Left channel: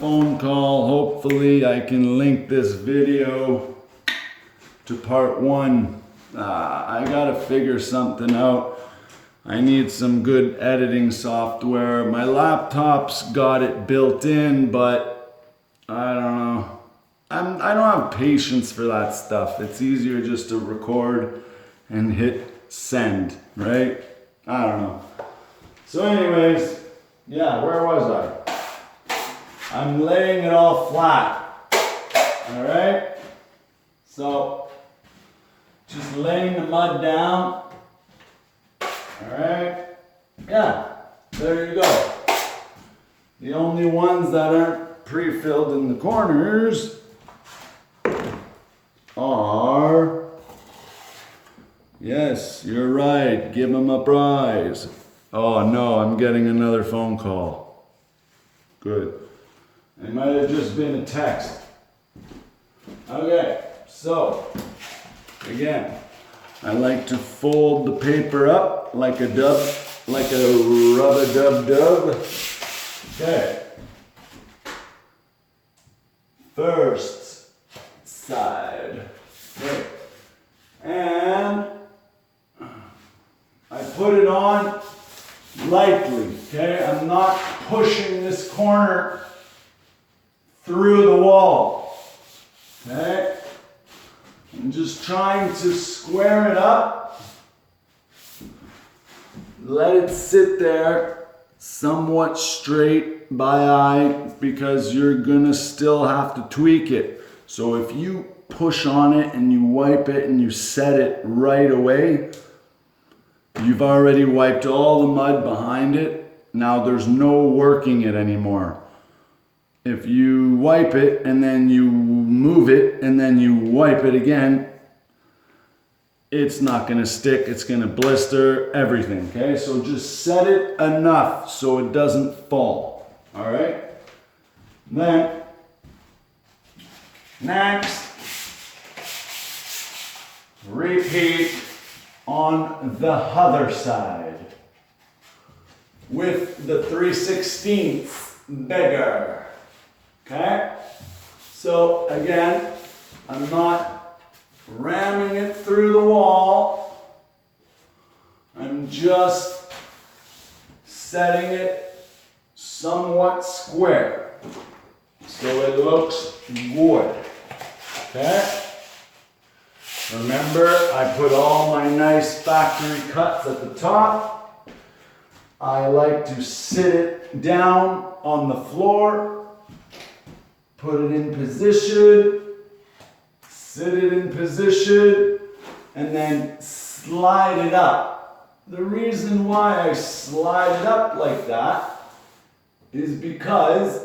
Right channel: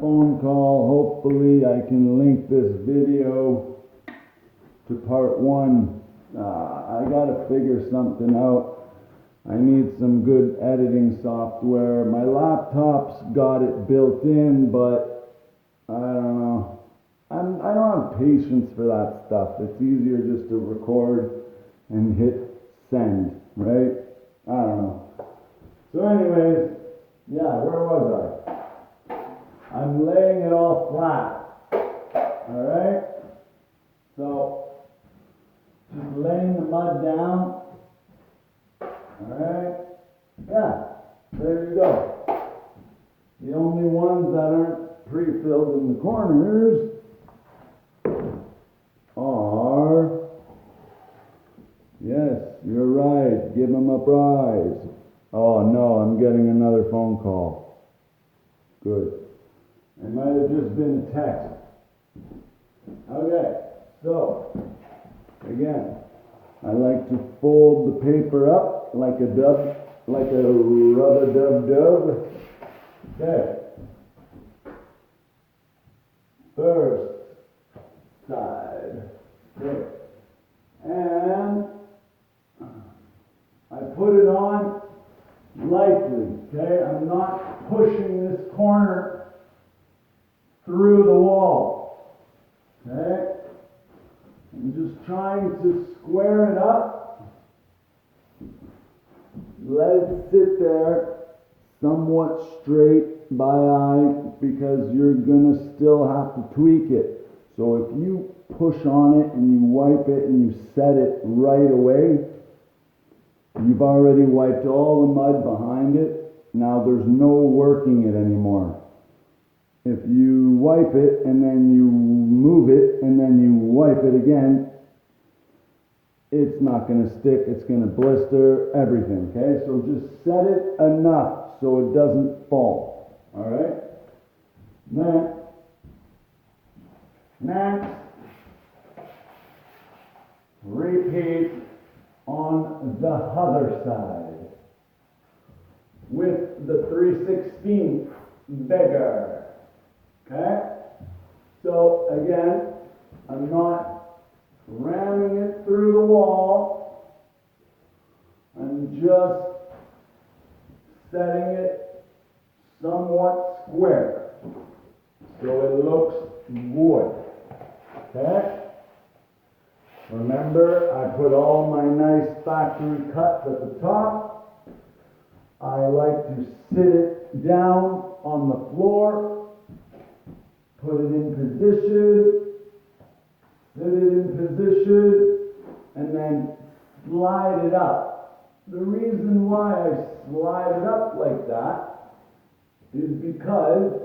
phone call. Hopefully I can link this video to part one. I gotta figure something out. I need some good editing software. My laptop's got it built in, but I don't know. I don't have patience for that stuff. It's easier just to record and hit send, right? I don't know. So anyways, yeah, where was I? I'm laying it all flat, all right? So, just laying the mud down, all right? Yeah, there you go. The only ones that aren't pre-filled in the corners are, yes, you're right, give them a prize. Oh no, I'm getting another phone call. Good. It might have just been a text. Okay, so, again, I like to fold the paper up like a rub-a-dub-dub. Okay. First side. Okay. And I put it on lightly, okay? I'm not pushing this corner through the wall, okay? I'm just trying to square it up, let it sit there somewhat straight by eye, because you're gonna still have to tweak it. So if you push on it and you wipe it and you set it right away, you've already wiped all the mud behind it. Now there's no working it anymore. If you wipe it and then you move it and then you wipe it again, it's not gonna stick, it's gonna blister, everything, okay? So just set it enough so it doesn't fall, all right? Then, next, repeat on the other side with the 3/16 bigger, okay? So again, I'm not ramming it through the wall. I'm just setting it somewhat square so it looks good, okay? Remember, I put all my nice factory cuts at the top. I like to sit it down on the floor, put it in position, sit it in position, and then slide it up. The reason why I slide it up like that is because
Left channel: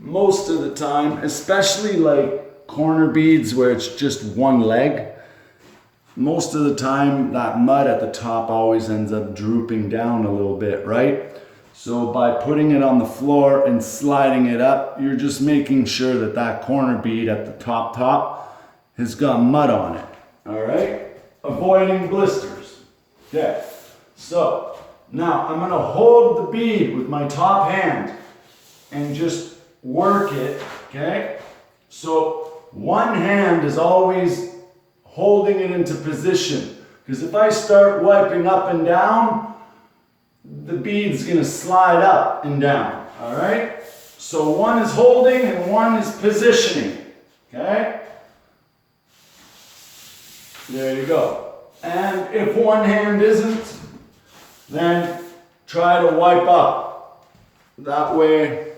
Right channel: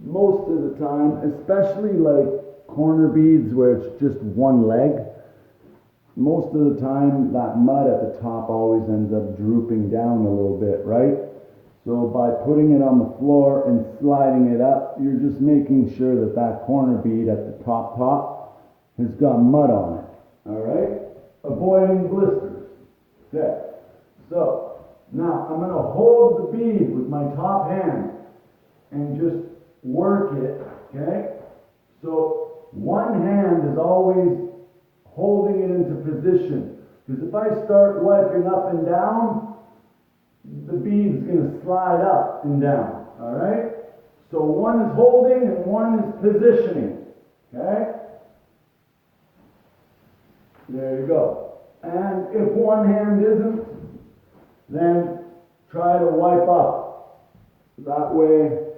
most of the time, especially like corner beads where it's just one leg, most of the time that mud at the top always ends up drooping down a little bit, right? So by putting it on the floor and sliding it up, you're just making sure that that corner bead at the top has got mud on it, all right? Avoiding blisters. Okay, so now I'm gonna hold the bead with my top hand and just work it, okay? So one hand is always holding it into position, because if I start wiping up and down, the bead's gonna slide up and down, all right? So one is holding and one is positioning, okay? There you go. And if one hand isn't, then try to wipe up. That way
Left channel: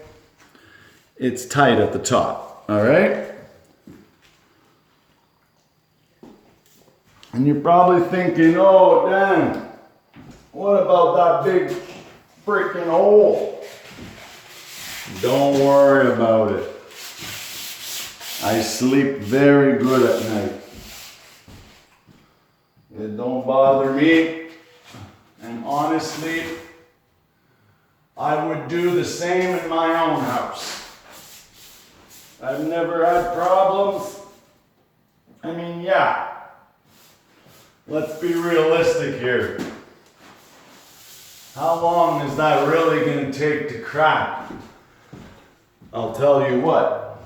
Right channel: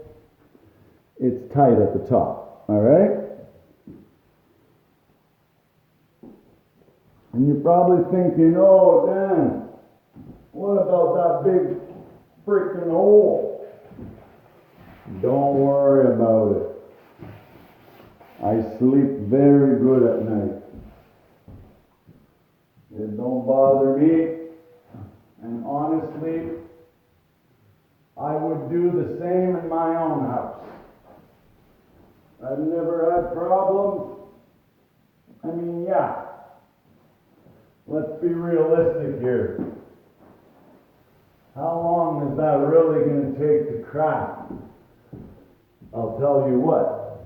it's tight at the top, all right? And you're probably thinking, oh, Dan, what about that big freaking hole? Don't worry about it. I sleep very good at night. It don't bother me. And honestly, I would do the same in my own house. I've never had problems. I mean, yeah. Let's be realistic here. How long is that really going to take to crack? I'll tell you what,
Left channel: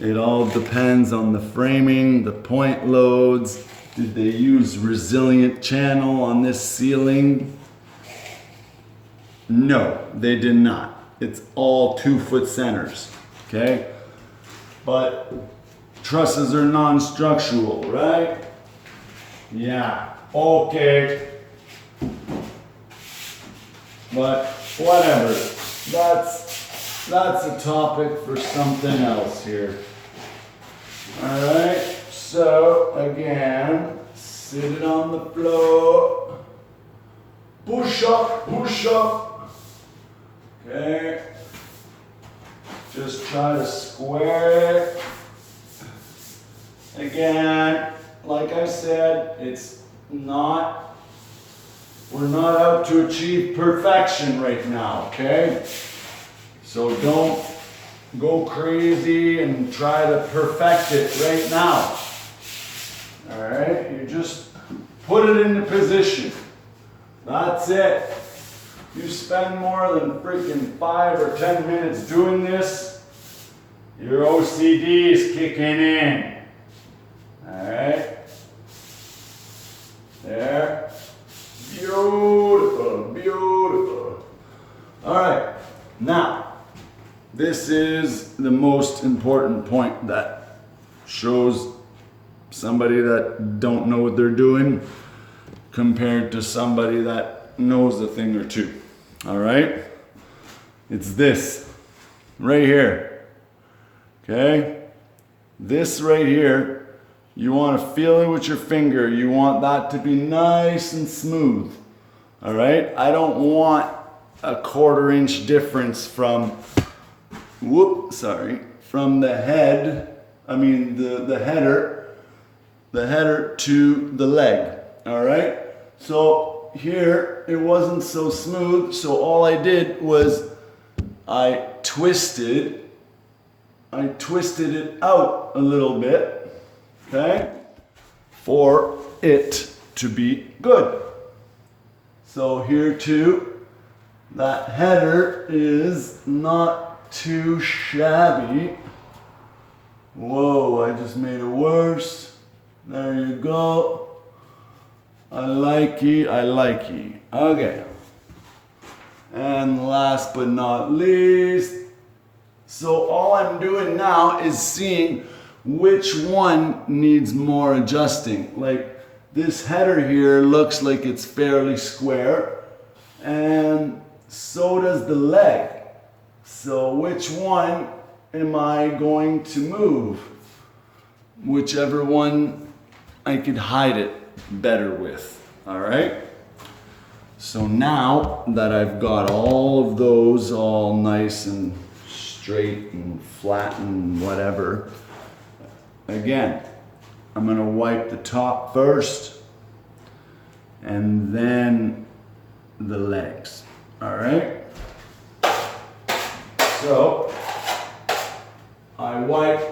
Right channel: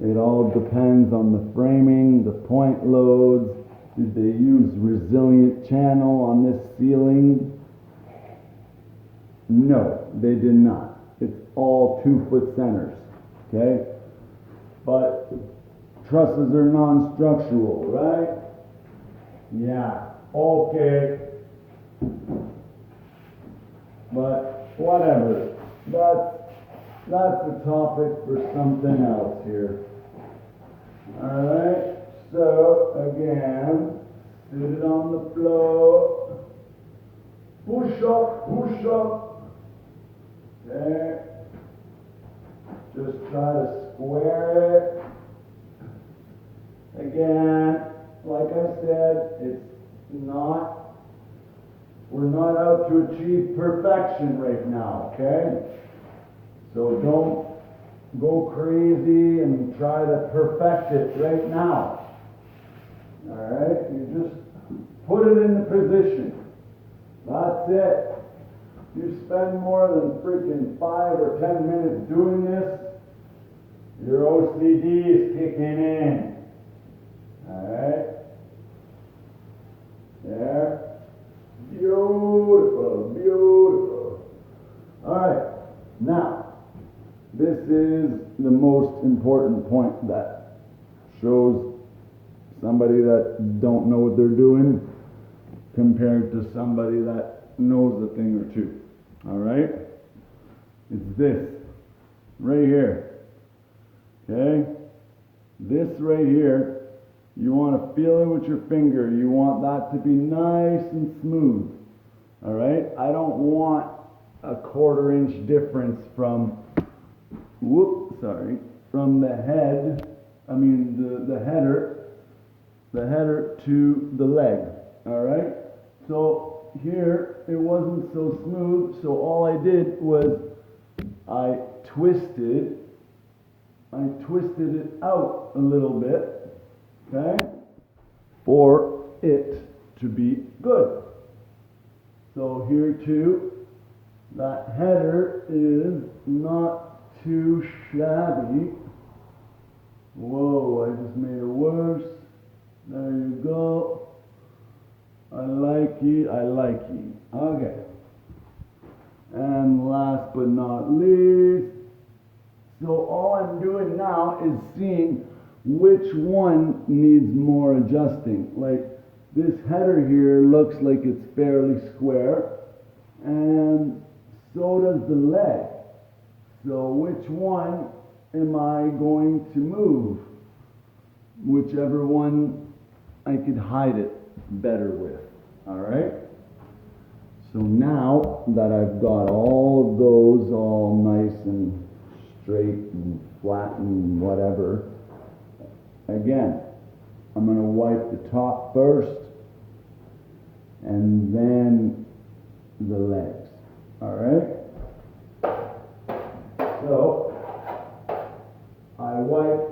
it all depends on the framing, the point loads. Did they use resilient channel on this ceiling? No, they did not. It's all 2-foot centers, okay? But trusses are non-structural, right? Yeah, okay. But whatever, that's a topic for something else here. All right, so again, sit it on the floor. Push up, push up. Okay. Just try to square it. Again, like I said, we're not out to achieve perfection right now, okay? So don't go crazy and try to perfect it right now. All right, you just put it into position. That's it. You spend more than freaking 5 or 10 minutes doing this, your OCD is kicking in. All right, there. Beautiful, beautiful. All right, now, this is the most important point that shows somebody that don't know what they're doing compared to somebody that knows a thing or two. All right? It's this right here. Okay? This right here, you want to feel it with your finger. You want that to be nice and smooth. All right? I don't want a 1/4 inch difference from from the head, the header to the leg. All right? So here it wasn't so smooth, so all I did was I twisted it out a little bit, okay, for it to be good. So here too, that header is not too shabby. Whoa, I just made it worse. There you go. I like ye. Okay. And last but not least, so all I'm doing now is seeing which one needs more adjusting. Like this header here looks like it's fairly square, and so does the leg. So which one am I going to move? Whichever one I could hide it better with. All right? So now that I've got all of those all nice and straight and flat and whatever, again, I'm gonna wipe the top first and then the legs. All right? So I wipe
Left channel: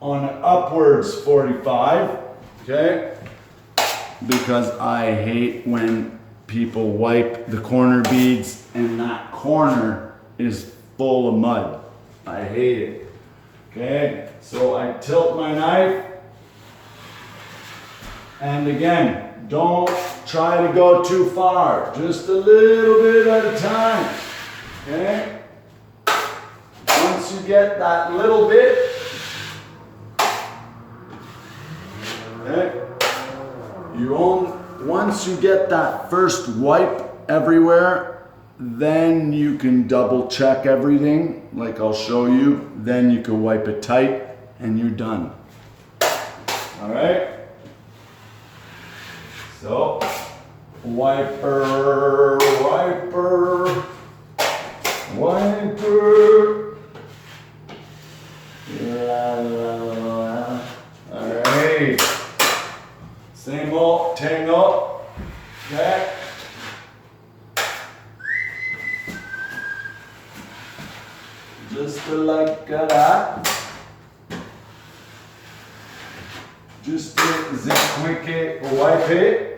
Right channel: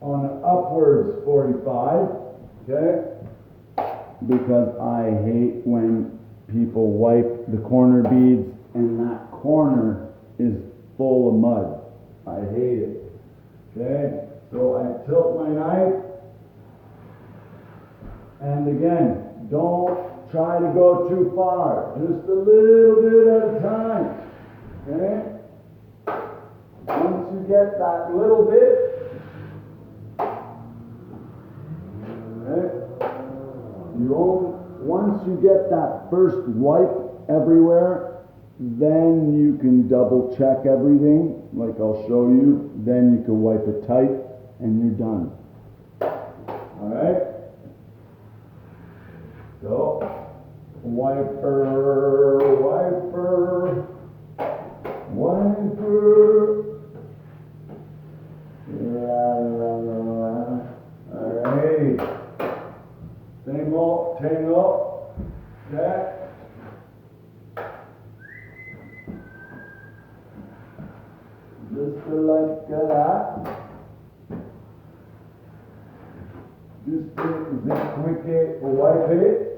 on an upwards 45, okay? Because I hate when people wipe the corner beads and that corner is full of mud. I hate it, okay? So I tilt my knife, and again, don't try to go too far, just a little bit at a time, okay? Once you get that little bit, okay, once you get that first wipe everywhere, then you can double check everything, like I'll show you. Then you can wipe it tight and you're done. All right? So, wiper, wiper, wiper. La, la, la. All right. Same old tangle. Okay. Just like that. Just the quick wipe it.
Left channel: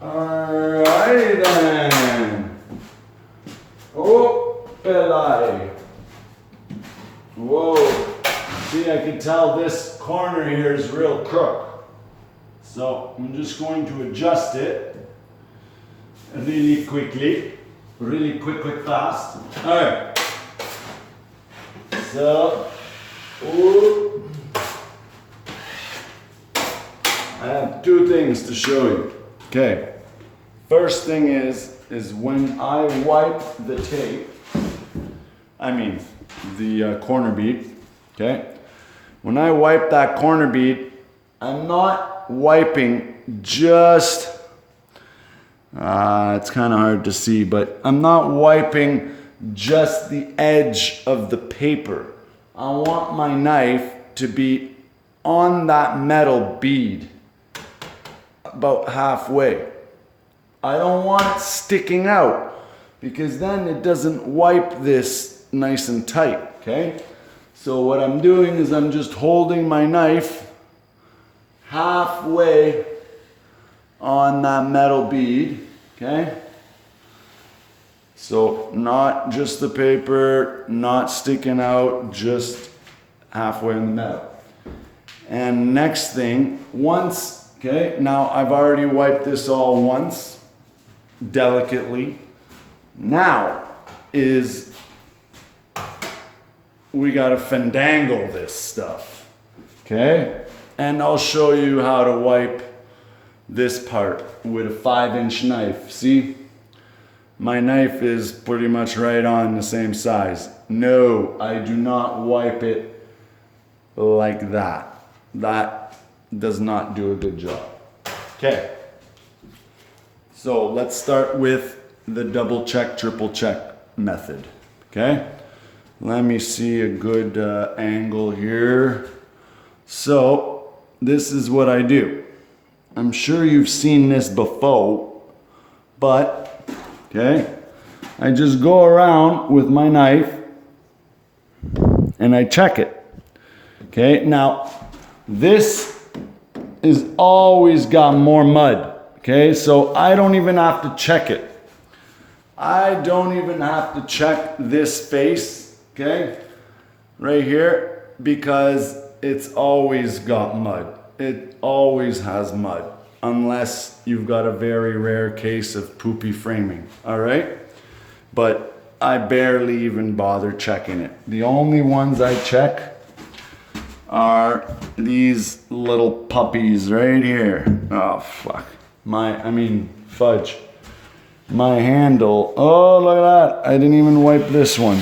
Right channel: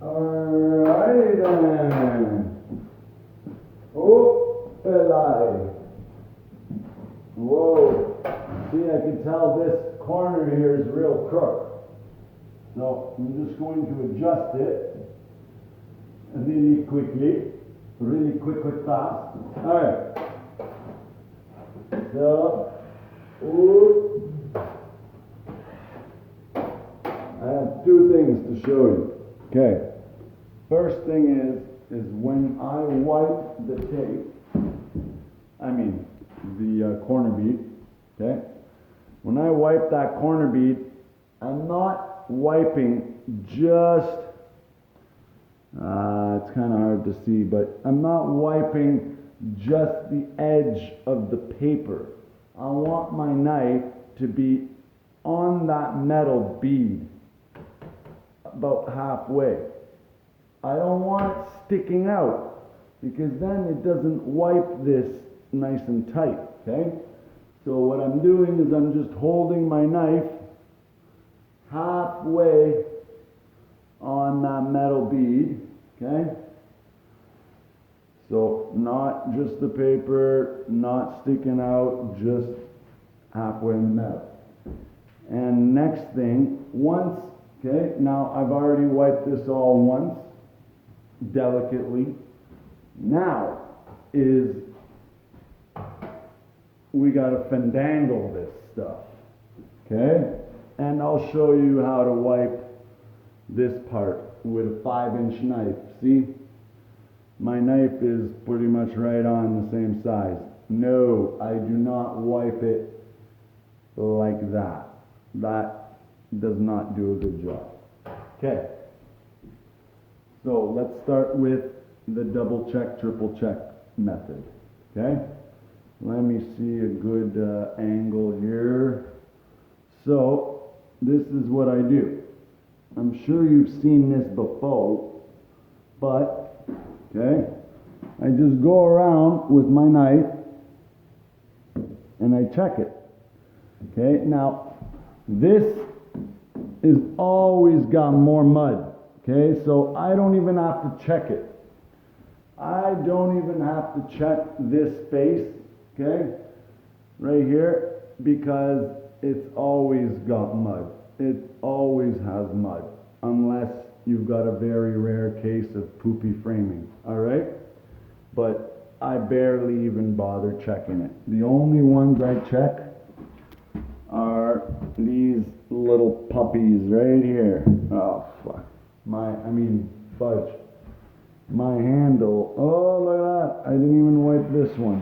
Alrighty. Okay then. Oh, Eli. Whoa. See, I can tell this corner here is real crook. So I'm just going to adjust it really quickly. Really quick, fast. All right. So, ooh. I have two things to show you. Okay. First thing is when I wipe the tape, I mean the corner bead, okay? When I wipe that corner bead, I'm not wiping just, it's kind of hard to see, but I'm not wiping just the edge of the paper. I want my knife to be on that metal bead about halfway. I don't want it sticking out because then it doesn't wipe this nice and tight, okay? So what I'm doing is I'm just holding my knife halfway on that metal bead, okay? So not just the paper, not sticking out, just halfway in the metal. And next thing, once, okay, now I've already wiped this all once, delicately. Now is we gotta fandangle this stuff, okay? And I'll show you how to wipe this part with a 5-inch knife. See, my knife is pretty much right on the same size. No, I do not wipe it like that. That does not do a good job. Okay. So let's start with the double check, triple check method, okay? Let me see a good angle here. So this is what I do. I'm sure you've seen this before, but, okay, I just go around with my knife and I check it, okay? Now, this is always got more mud. Okay, so I don't even have to check it. I don't even have to check this face, okay, right here, because it's always got mud. It always has mud, unless you've got a very rare case of poopy framing, all right? But I barely even bother checking it. The only ones I check are these little puppies right here. Oh, fuck. Fudge. My handle. Oh, look at that. I didn't even wipe this one.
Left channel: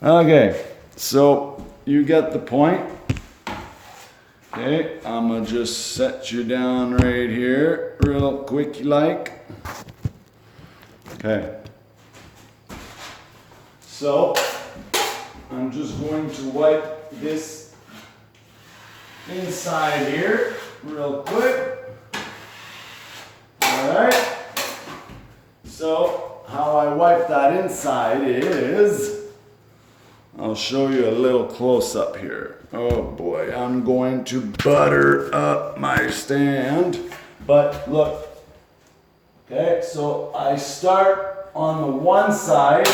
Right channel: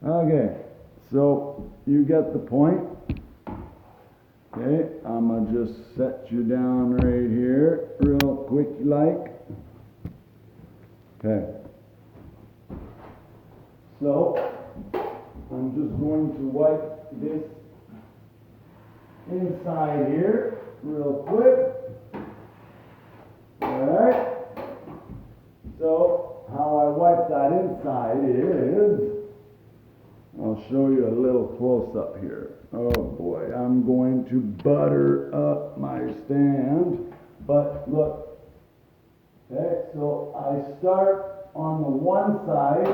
Okay, so you get the point. Okay, I'm gonna just set you down right here, real quick like. Okay. So, I'm just going to wipe this inside here, real quick. Alright, so how I wipe that inside is, I'll show you a little close up here. Oh boy, I'm going to butter up my stand, but look, okay, so I start on the one side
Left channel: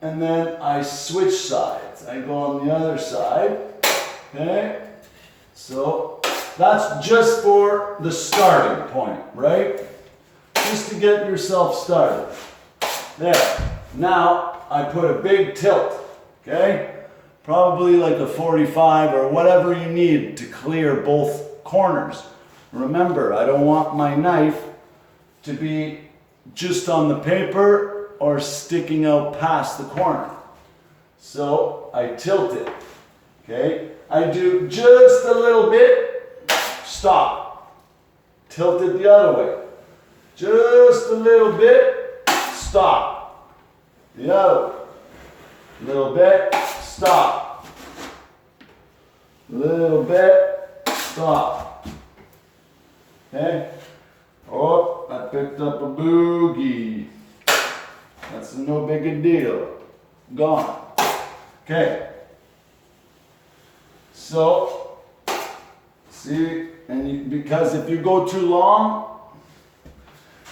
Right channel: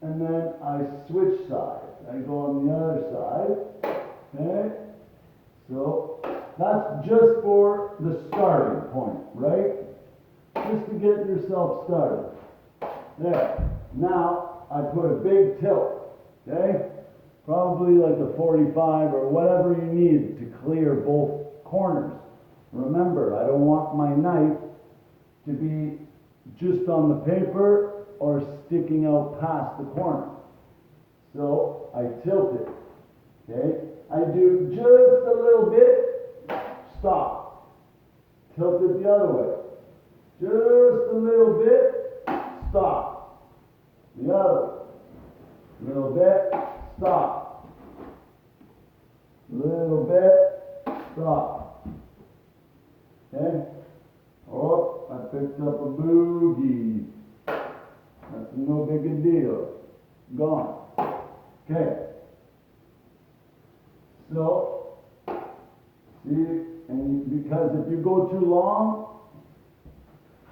and then I switch sides. I go on the other side, okay, so that's just for the starting point, right? Just to get yourself started. There. Now, I put a big tilt, okay? Probably like a 45 or whatever you need to clear both corners. Remember, I don't want my knife to be just on the paper or sticking out past the corner. So, I tilt it, okay? I do just a little bit. Stop. Tilt it the other way. Just a little bit. Stop. The other way. Little bit. Stop. Little bit. Stop. Okay? Oh, I picked up a boogie. That's no big a deal. Gone. Okay. So, see, because if you go too long,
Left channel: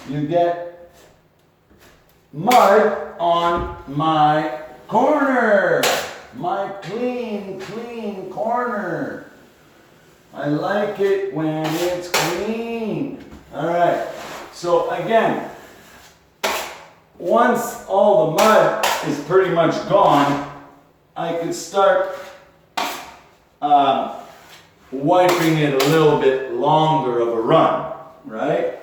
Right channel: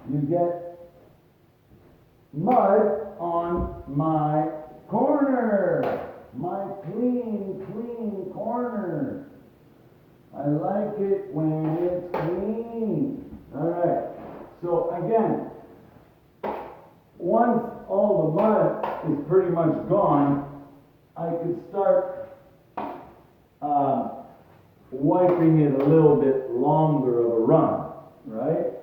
you get mud on my corner. My clean corner. I like it when it's clean. All right, so again, once all the mud is pretty much gone, I could start wiping it a little bit longer of a run, right?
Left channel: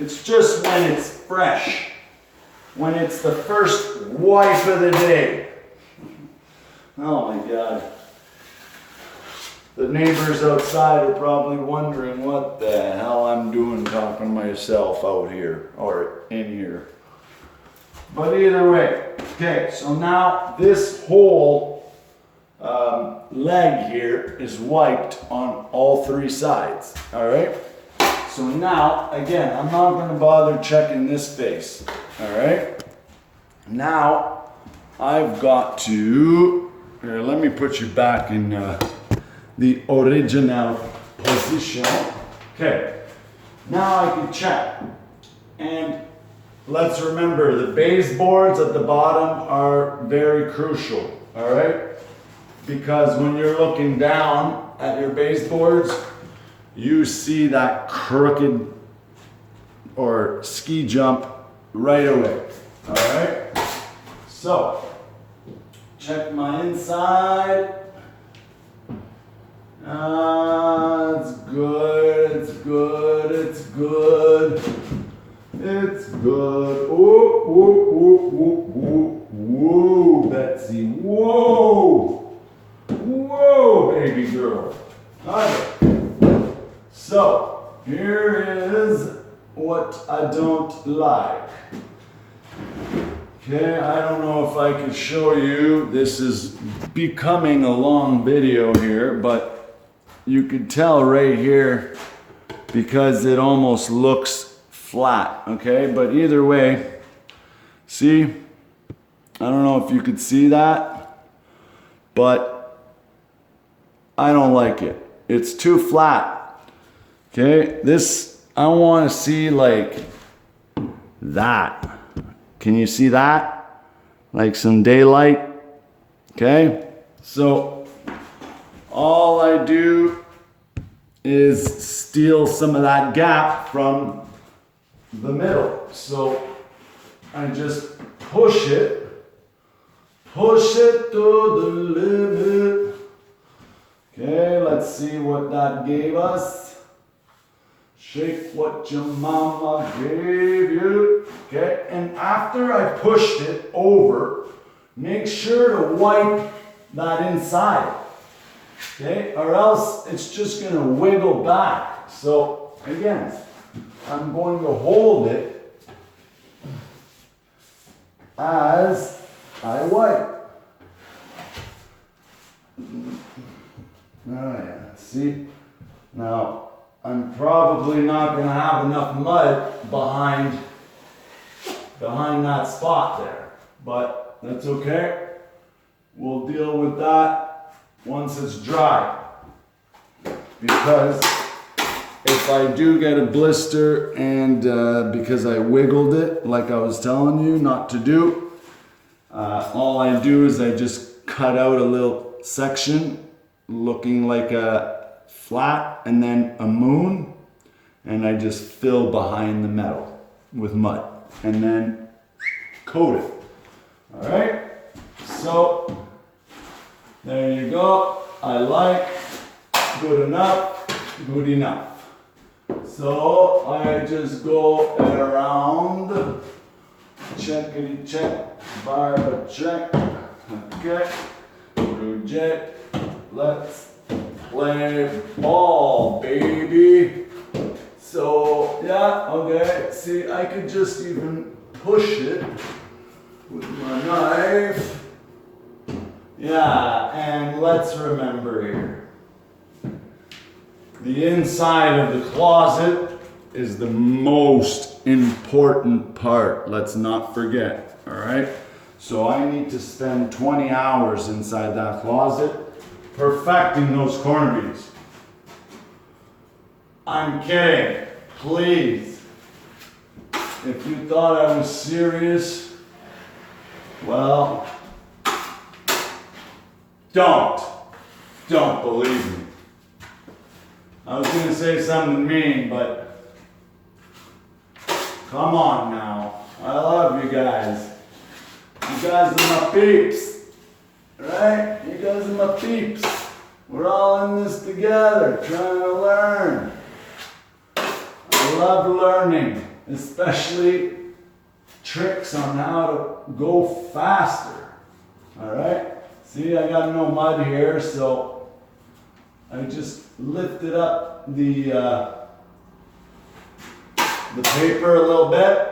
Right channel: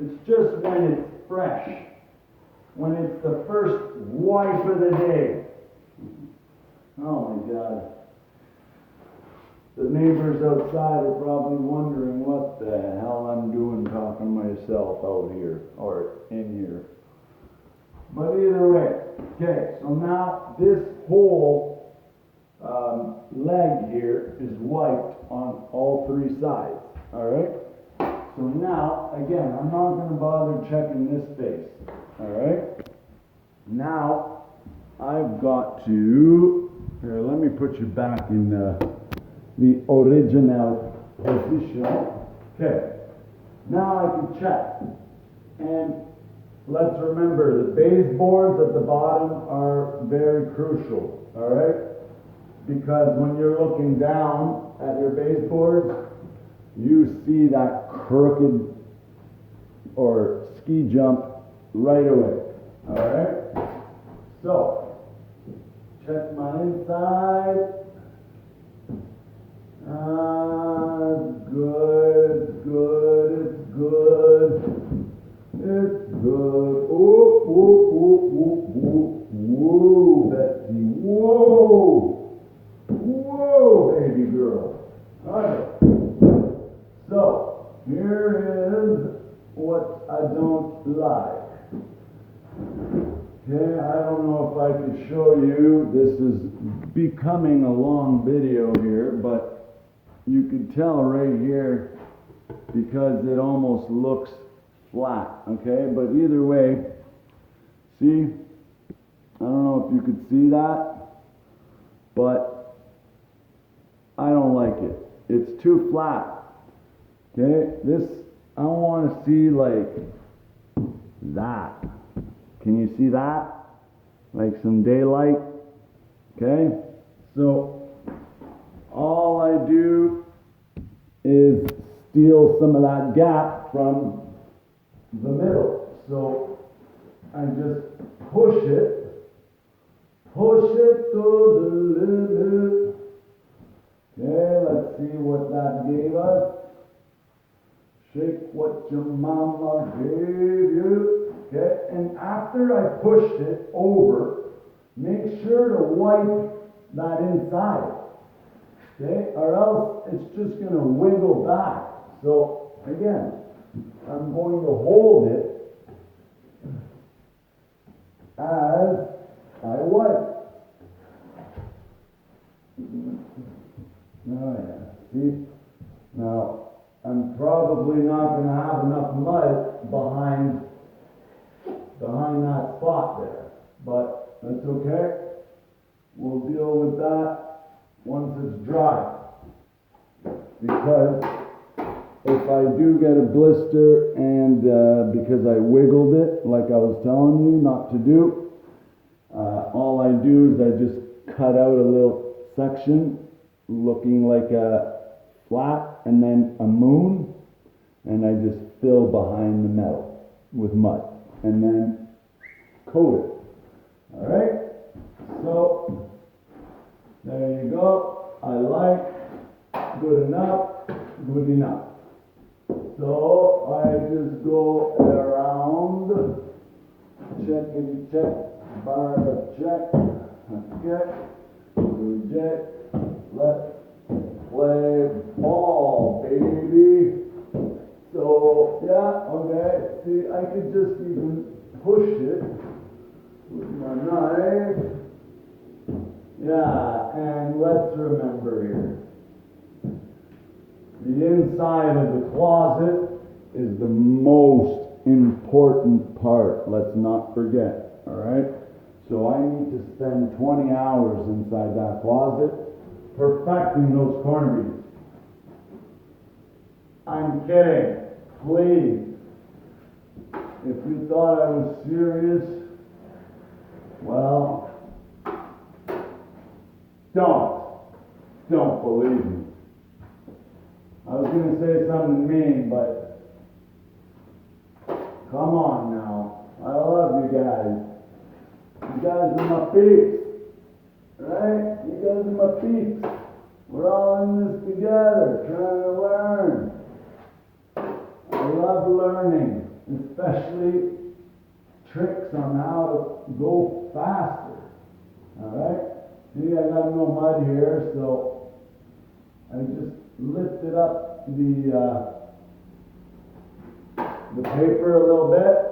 It's just when it's fresh, when it's the first wipe of the day. Oh my God. The neighbors outside are probably wondering what the hell I'm doing talking to myself out here or in here. But either way, okay, so now this whole leg here is wiped on all three sides, all right? So now, again, I'm not gonna bother checking this face, all right? Now, I've got to, here, let me put you back in the original position. Okay, now I can check. And let's remember, the baseboards at the bottom are very crucial, all right? Because when you're looking down at your baseboards, you see that crooked or ski jump right away, all right? So, check my inside. It's good, it's good, it's good. It's good. Whoa, whoa, whoa, whoa, whoa, whoa, Betsy, whoa. Whoa, baby girl. Okay. So, here is what I don't like. Okay, I don't know if I could show you. This is becoming a long video here, but you could tell right here because it almost looks flat, okay? But either way, see? I don't know if you could see that, but I don't like it. It's too flat, okay? This, I want to see like that. Can you see that? Like some daylight, okay? So all I do is steal some of that gap from the middle. So I just push it to the limit. Okay, let's see what that gave us. Shake what your mama gave you. Okay, and after I pushed it over, make sure to wipe that inside. Okay, or else it's just gonna wiggle back. So again, I'm going to hold it as I wipe. Oh yeah, see? Now, I'm probably not gonna have enough mud behind that spot there, but that's okay. We'll deal with that once it's dry. Because if I do get a blister and because I wiggled it like I was telling you not to do, all I do is I just cut out a little section looking like a flat and then a moon, and I just fill behind the metal with mud and then coat it. All right, so there you go. I like, good enough, good enough. So I just go around, checkity check, bar check, okay, project. Let's play ball, baby. So, yeah, okay. See, I could just even push it with my knife. Yeah, and let's remember here. The inside of the closet is the most important part. Let's not forget, all right? So I need to spend 20 hours inside that closet perfecting those corner beads. I'm kidding, please. If you thought I was serious, well, don't believe me. I was gonna say something mean, but come on now. I love you guys. You guys are my peeps, right? You guys are my peeps. We're all in this together, trying to learn. I love learning, especially tricks on how to go faster. All right? See, I got no mud here, so I just lifted up the paper a little bit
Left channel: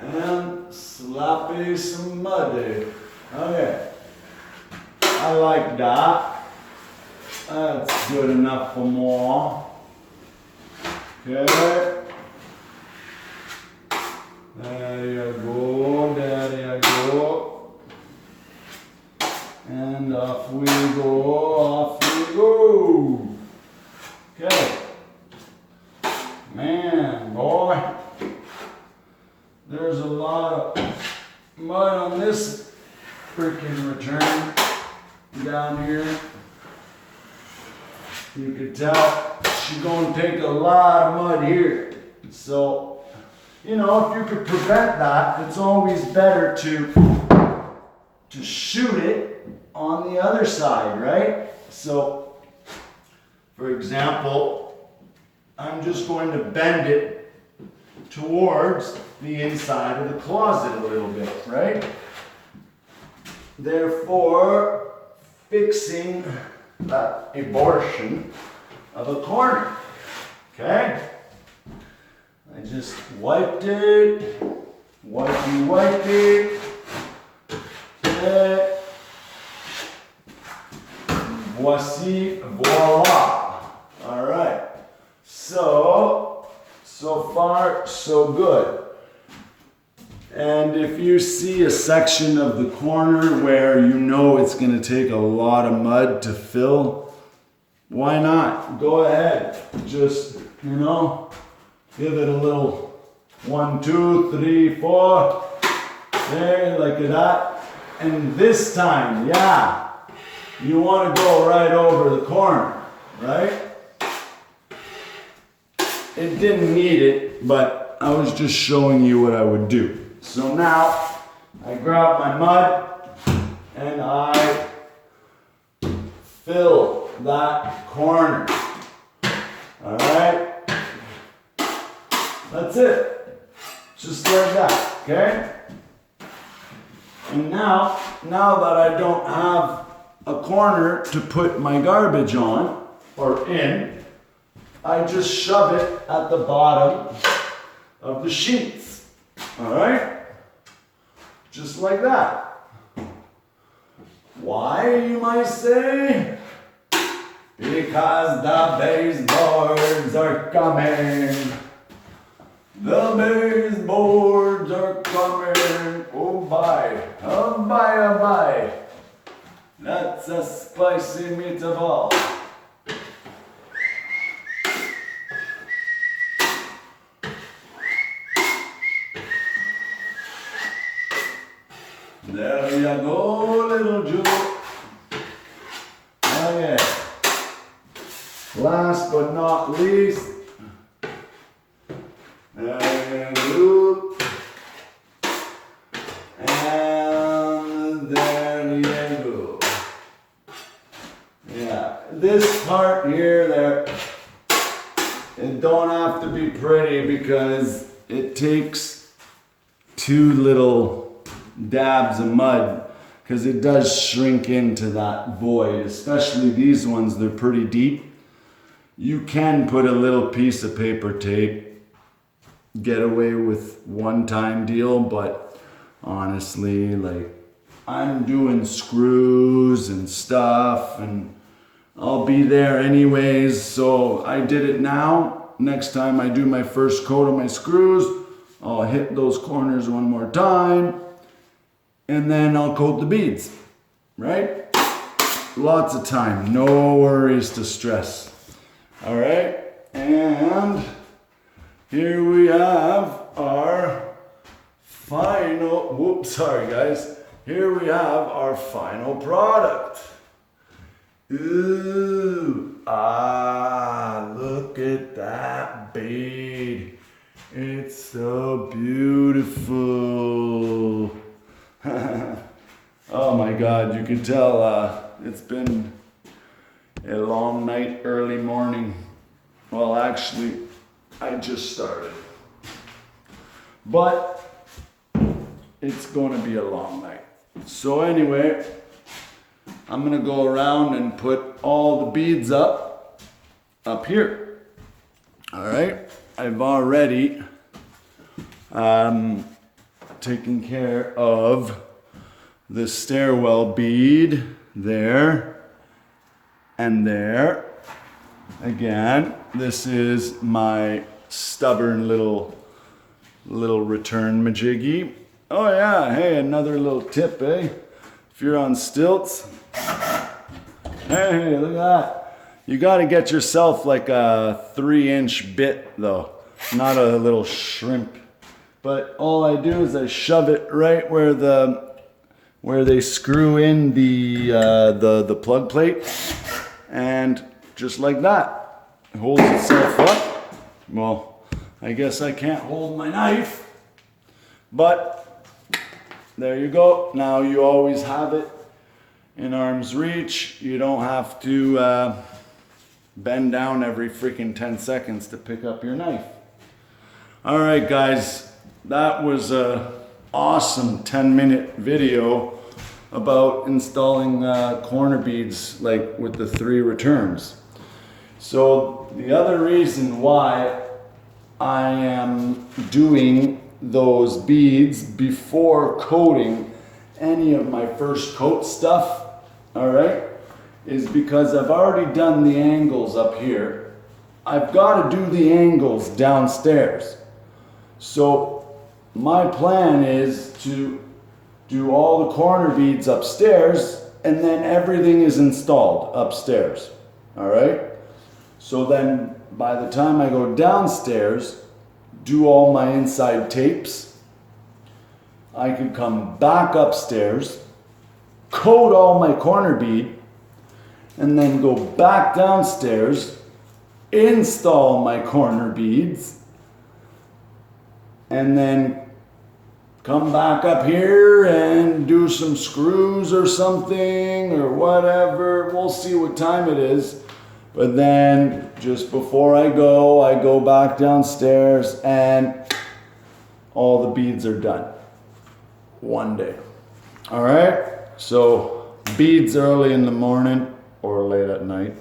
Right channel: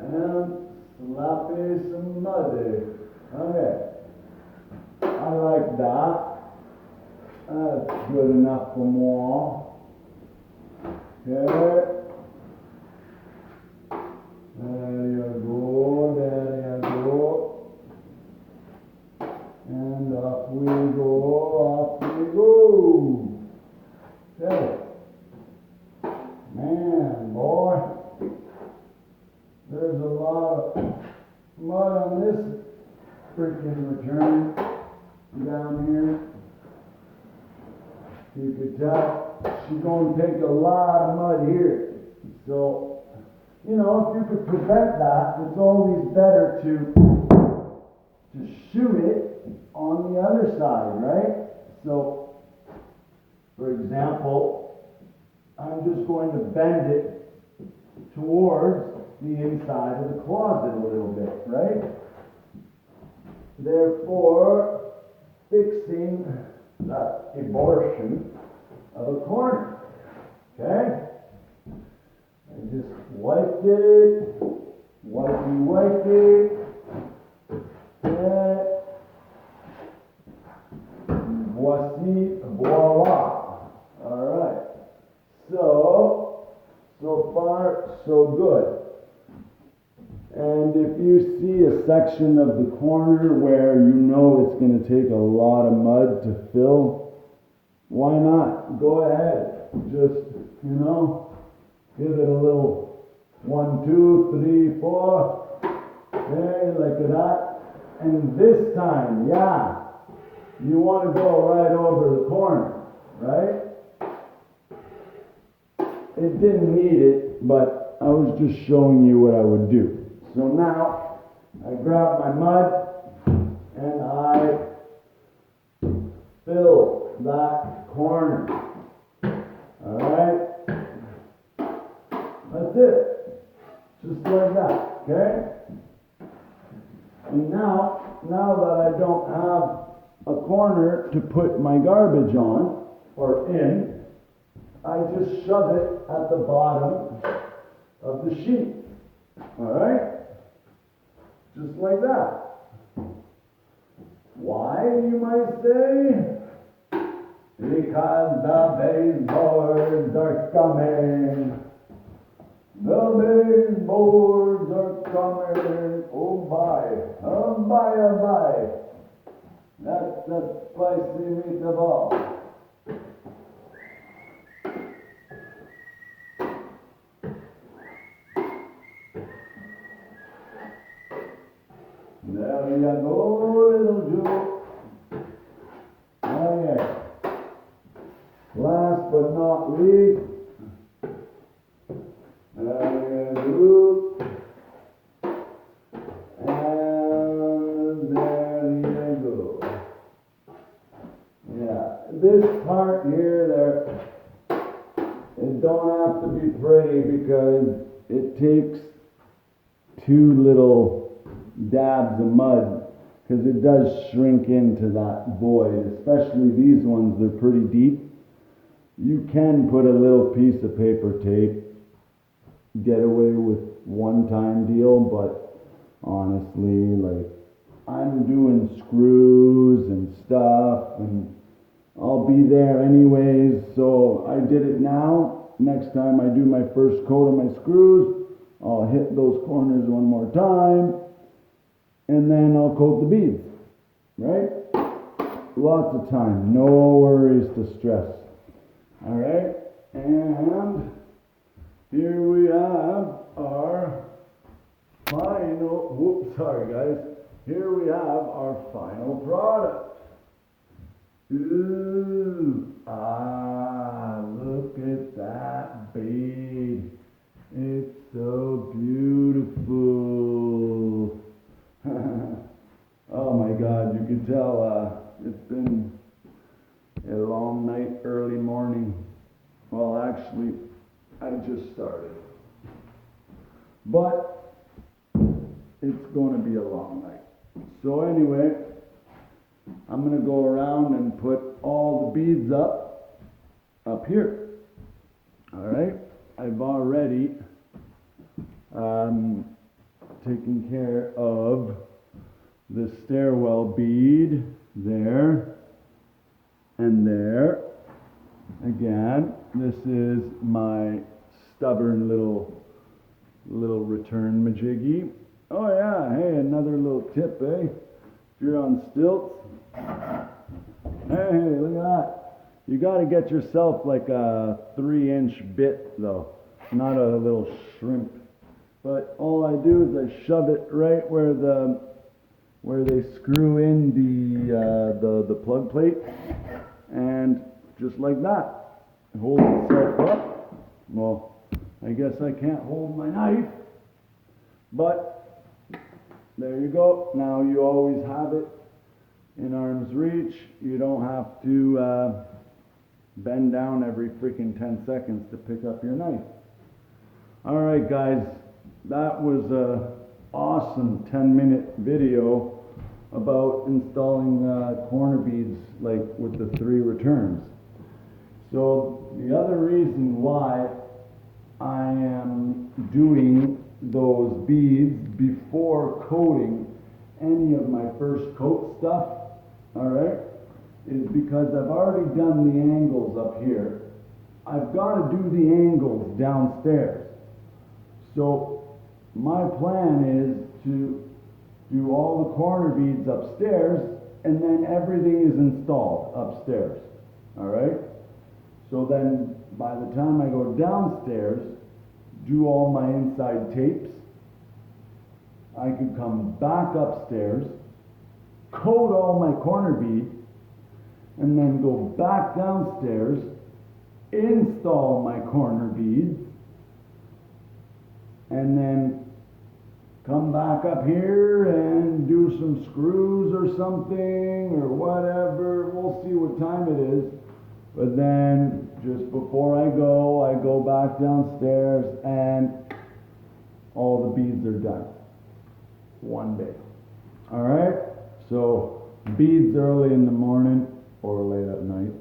and slappy some muddy. Okay, I like that. That's good enough for more. Okay. There you go, there you go. And off we go, off we go. Okay. Man, boy. There's a lot of mud on this freaking return down here. You can tell she's gonna take a lot of mud here. So, you know, if you could prevent that, it's always better to shoot it on the other side, right? So, for example, I'm just going to bend it towards the inside of the closet a little bit, right? Therefore, fixing that abortion of a corner, okay? I just wiped it, wiped it, okay. Voici, voila. All right, so far, so good. And if you see a section of the corner where you know it's gonna take a lot of mud to fill, why not? Go ahead, just, you know, give it a little 1, 2, 3, 4, there, like that. And this time, yeah, you wanna go right over the corner, right? It didn't need it, but I was just showing you what I would do. So now, I grab my mud and I fill that corner. All right? That's it. Just like that, okay? And now that I don't have a corner to put my garbage on or in, I just shove it at the bottom of the sheets. All right? Just like that. Why, you might say? Because the baseboards are coming. The baseboards are coming. Oh bye. Oh bye, oh bye. That's a spicy meatball. There you go, little Jewel. Okay. Last but not least, there you go. And there you go. Yeah, this part here, there, it don't have to be pretty because it takes 2 little dabs of mud because it does shrink into that void, especially these ones, they're pretty deep. You can put a little piece of paper tape, get away with one-time deal, but honestly, like, I'm doing screws and stuff and I'll be there anyways, so I did it now. Next time I do my first coat of my screws, I'll hit those corners one more time and then I'll coat the beads, right? Lots of time, no worries to stress. All right, and here we have our final, sorry guys. Here we have our final product. Ooh, look at that bead. It's so beautiful. Oh my God, you can tell it's been a long night, early morning. Well, actually, I just started. But it's going to be a long night. So anyway, I'm going to go around and put all the beads up here. All right. I've already taken care of the stairwell bead there and there. Again, this is my stubborn little return majiggy. Oh yeah, hey, another little tip, eh? If you're on stilts, hey, look at that. You gotta get yourself like a 3-inch bit though, not a little shrimp. But all I do is I shove it right where they screw in the plug plate, and just like that, it holds itself up. Well, I guess I can't hold my knife, but there you go. Now you always have it in arm's reach. You don't have to bend down every freaking 10 seconds to pick up your knife. All right, guys, that was a awesome 10-minute video about installing corner beads, like with the 3 returns. So the other reason why I am doing those beads before coating any of my first coat stuff, all right, is because I've already done the angles up here. I've got to do the angles downstairs. So my plan is to do all the corner beads upstairs, and then everything is installed upstairs, all right? So then by the time I go downstairs, do all my inside tapes, I could come back upstairs, coat all my corner bead, and then go back downstairs, install my corner beads, and then come back up here and do some screws or something or whatever. We'll see what time it is. But then just before I go back downstairs and all the beads are done. One day. All right? So beads early in the morning or late at night.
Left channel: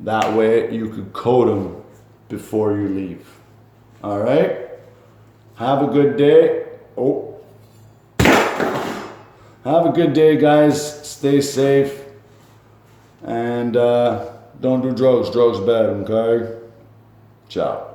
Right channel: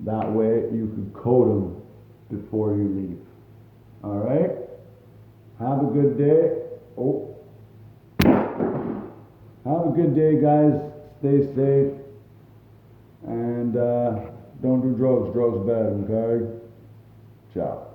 That way you could coat them before you leave. All right? Have a good day. Have a good day, guys. Stay safe. And don't do drugs. Drugs bad, okay? Ciao.